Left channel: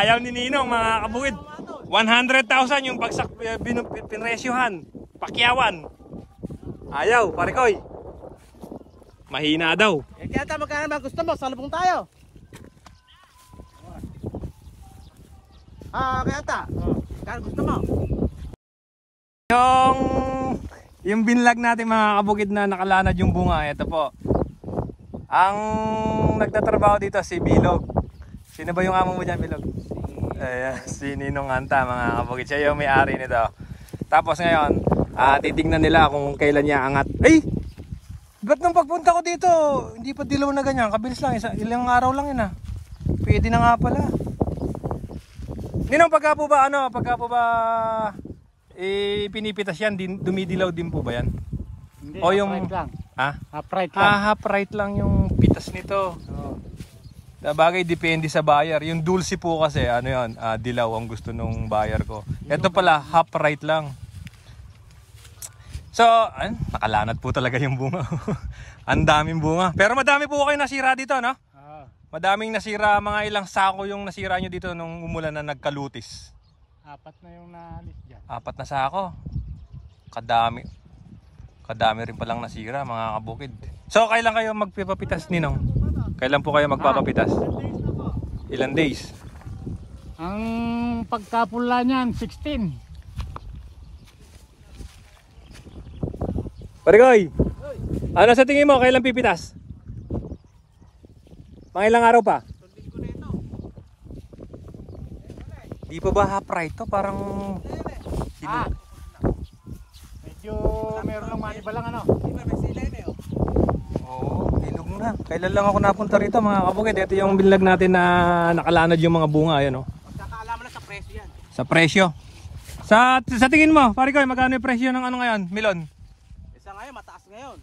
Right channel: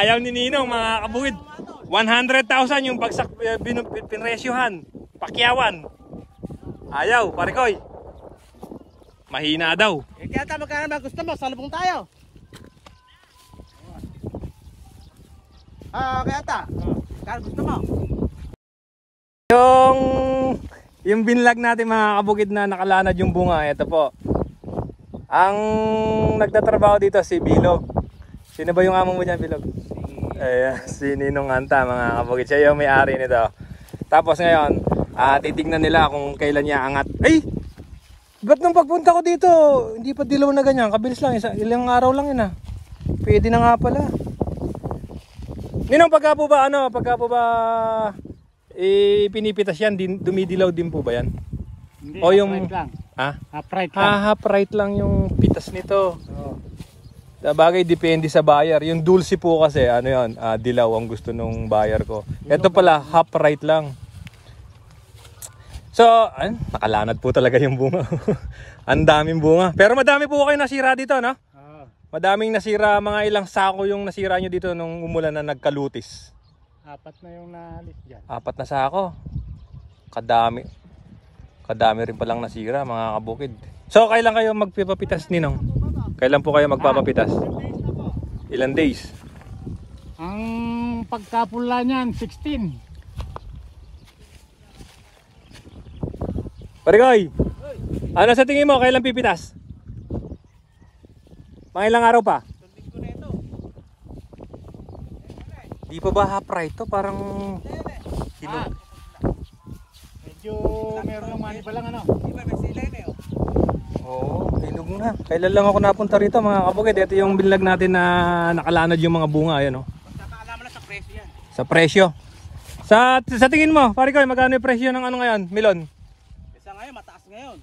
Ayaw ni Ninong mga kabukid. 100,000 yung bagsak pinresyohan. Pakyawan. Ayaw, Parikoy. Mahina daw. Kaya tama ka naman gusto mo, salubong tayo. Kaya ta. Kaya gusto mo. Yung binlag natin mga kabukid na nakalanad yung bunga, ito po. Ang nagtatrabaho dito si Bilog. Sino ba yung amo mo dyan, Bilog? Ayan, si Ninong Anta mga kabukid. Siya yung may-ari nito. Tapos ngayon, titignan nila kung kailan niya angat. Ay! Ba't nung pagpunta ko dito, hindi pa dilaw na ganyan. Kabilis lang, ilang araw lang yun Pwede na nga pala. Ninong, pagka po ba pinipitas yan, dumidilaw din po ba yan? Hindi, o yung half right lang. Ha? Half right lang. Half right lang yung pitas nito. Sabagay, depende sa buyer. Yung dulce po kasi, ano yun, dilaw ang gusto nung buyer ko. Ito pala, half right lang. So, nakalanad po talaga yung bunga. Ang daming bunga. Pero madami po kayo nasira dito, no? Madaming nasira, mga ilang sako yung nasira nyo dito nung umulan na nagkalutis. 4 na yung naalis dyan. 4 na sako. Kadami. Kadami rin palang nasira mga kabukid. So kailan kayo magpapapitas, Ninong? Kailan po kayo magpapapitas? Ilan days? Ang pagkapula niyan 16. Parigoy! Ano sa tingin mo? Kailan pipitas? Mga ilang araw pa? Di pa ba half right to? Parang medyo meron lang mani pa lang ano. may sila yun ilog na. Kailan lang ako napunta rito mga kabukid. Ito yung binlag natin na nakalanad yung mga bunga. Ayan, Magkakaalaman na sa presyo yan. Sa presyo. Sa tingin mo, pare ko, magkano yung presyo ng ano ngayon? Milon? Isa ngayon, mataas ngayon.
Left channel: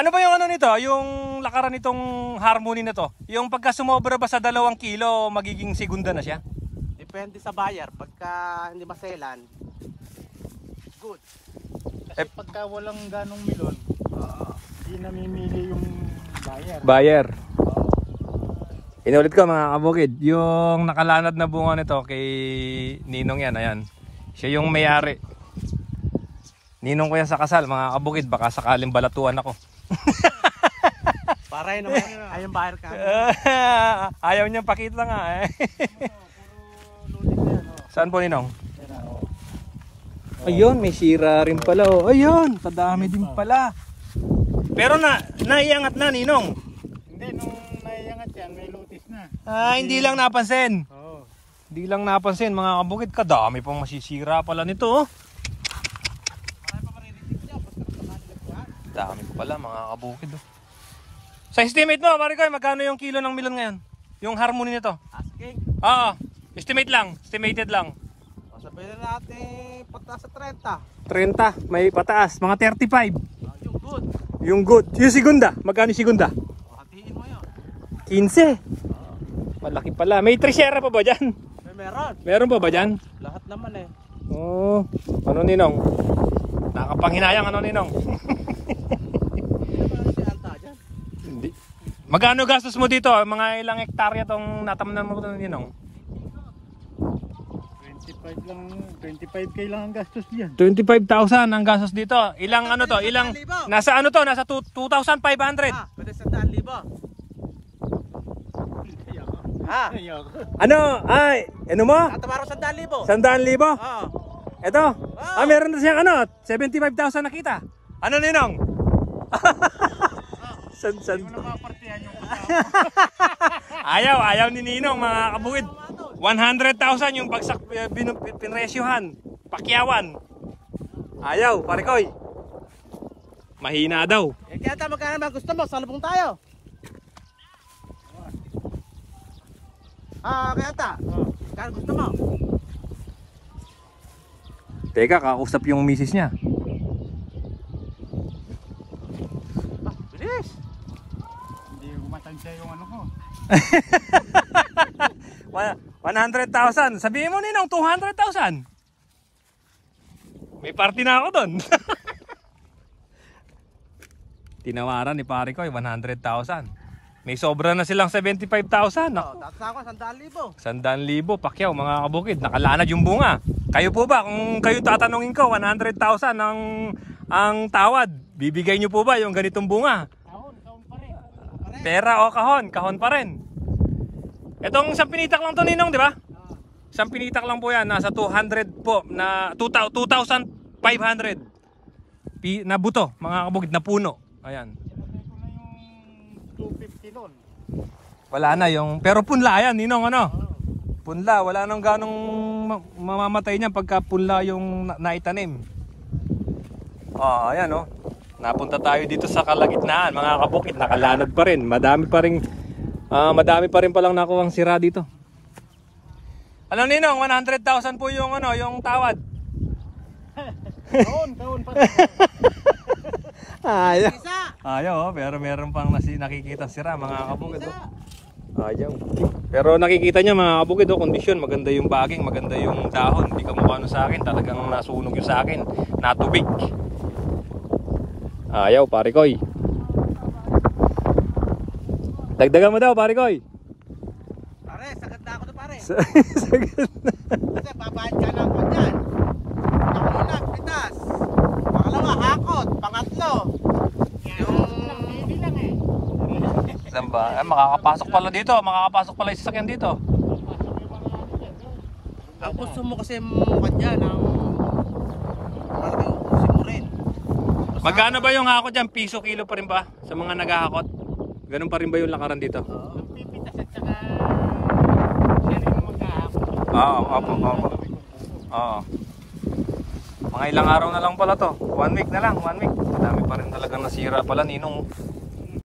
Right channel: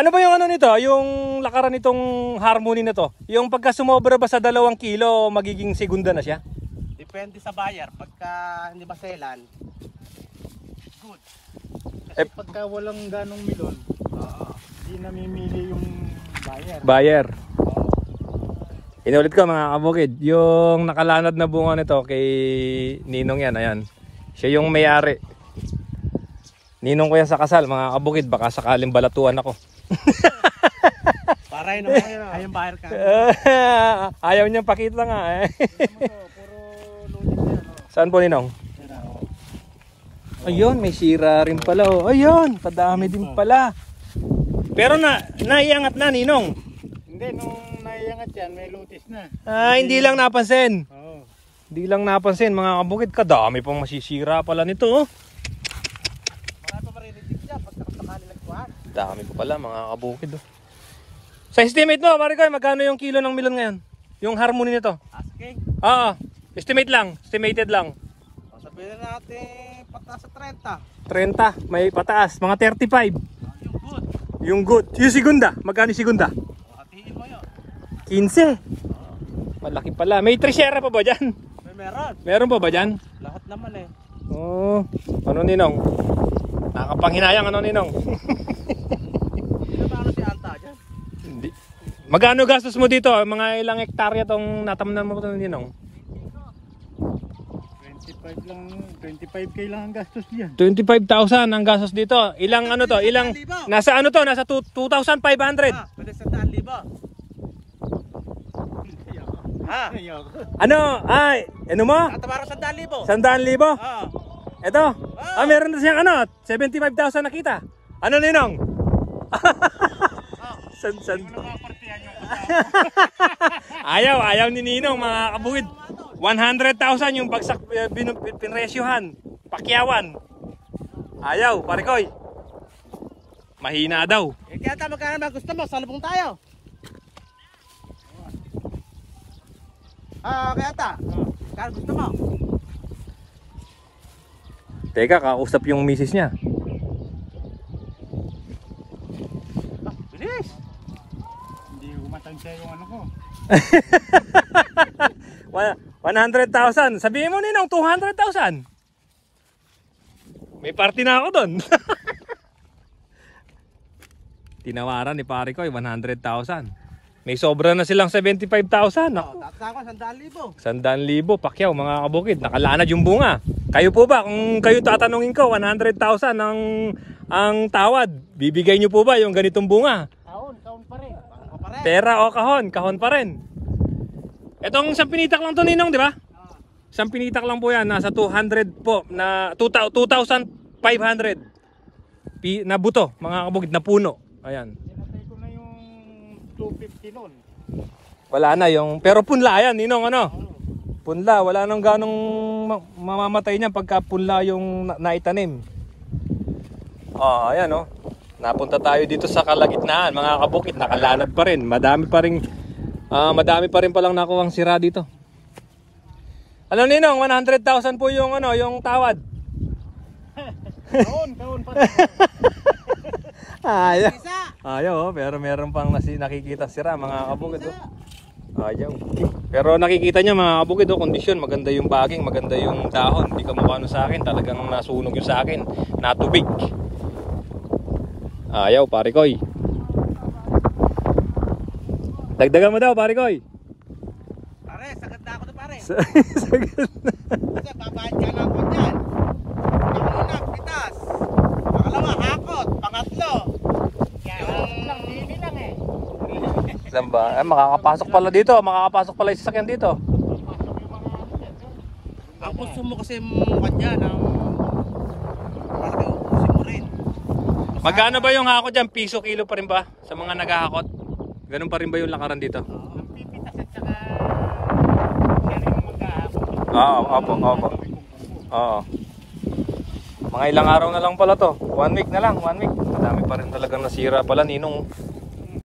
Ano ba yung ano nito? Yung lakaran nitong harmony na to? Yung pagka sumobra ba sa 2 kilo, magiging segunda na siya? Depende sa buyer. Pagka hindi maselan, good. Kasi pagka walang ganong milon, hindi namimili yung buyer. Inulit ko mga kabukid, yung nakalanad na bunga nito kay Ninong yan, ayan. Siya yung may-ari. Ninong ko yan sa kasal mga kabukid, baka sakaling balatuan ako. Para yun naman, ayong buyer ka. Ayaw niyang pakita nga Saan po, Ninong? Ayun, may sira rin pala Ayun, kadami din pala. Pero naiangat na, Ninong. Hindi, nung naiangat yan, may lutis na. Hindi lang napansin. Oo. Hindi lang napansin mga kabukid, kadami pang masisira pala nito Marami pa maririnig dyan, pagka sakali nagkuhan. Dami pa pala mga kabukid Sa estimate mo, pare ko, magkano yung kilo ng milon ngayon? Yung harmony nito? Asking? Oo, estimated lang. Sabihin natin pataas sa 30. 30, may pataas, mga 35. Yung good. Yung good. Yung segunda, magkano yung segunda? Hatiin mo yun. 15. Malaki pala. May tresera pa ba dyan? Meron. Meron pa ba dyan? Lahat naman Ano, Ninong? Nakapanghinayang ano, Ninong? Sino ba ano si Anta dyan? Hindi. Magkano gastos mo dito? Mga ilang hektarya tong natamnan mo ito, Ninong? 25k lang ang gastos diyan. 25,000 ang gastos dito. Ilang ano to? Ilang nasa ano to? Nasa 2,500. Pwede 100,000. Ano? Ano mo? Tatabaro 100,000. 100,000? Oo. Ito? Meron na siyang ano? 75,000 nakita. Ano, Ninong? San? Ayaw ni Ninong mga kabukid. 100,000 yung bagsak pinresyohan. Pakyawan. Ayaw, Parikoy. Mahina daw. Kaya tama ka naman gusto mo, salubong tayo. Kaya ta. Kaya gusto mo. Teka, kausap yung misis niya. Bilis. Hindi kumatansya yung ano ko. 100,000. Sabihin mo, Ninong, 200,000. May party na ako doon. Tinawaran ni pare ko 100,000. May sobra na silang 75,000. Oh, tatas ako, 100,000. 100,000 Pacquiao mga kabukid, nakalanad yung bunga. Kayo po ba, kung kayo tatanungin ko, 100,000 ang tawad, bibigay nyo po ba yung ganitong bunga? Kahon pa rin. Kahon pa rin. Pera o kahon pa rin. Itong isang pinitak lang to, Ninong, di ba? Isang pinitak lang po yan, nasa 200 po, na 2,500 na buto, mga kabukid, na puno. Ayan. Sinatay ko na yung 250 nun. Wala na yung, pero punla yan, Ninong, ano? Oo. Punla, wala nang ganong mamamatay niya pagka punla yung naitanim. Ayan oh. Napunta tayo dito sa kalagitnaan, mga kabukid, nakalanad pa rin. Madami pa rin palang nakuhang sira dito. Ano, Ninong, 100,000 po yung yung tawad. Kahon pa rin. Ayaw. Isa. Ayaw, pero meron pang nakikita sira, mga kabukid. Ayaw. Pero nakikita niya, mga kabukid, kondisyon, maganda yung baging, maganda yung dahon. Hindi ka mukha sa akin, talagang nasunog yung sa akin, natubig. Ayaw, pare koy. Dagdagan mo daw, pare koy. Pare, sagad na ako to pare. Sagad na. Kasi babayad ka lang ko dyan. Una, pitas. Pangalawa, hakot. Pangatlo. Yung bibi lang eh. Saan ba? Makakapasok pala dito, makakapasok pala yung sasakyan dito. Ang puso mo kasi mukha dyan. Parang may ubusin mo rin. Magkano ba yung hakot dyan? Piso, kilo pa rin ba? Sa mga naghahakot? Ganun pa rin ba yung lakaran dito? Ang pipitas at saka siya rin ang maghahapon. Oo. Oo. Mga ilang araw na lang pala to. 1 week na lang, 1 week. Dami pa rin talaga nasira pala, Ninong.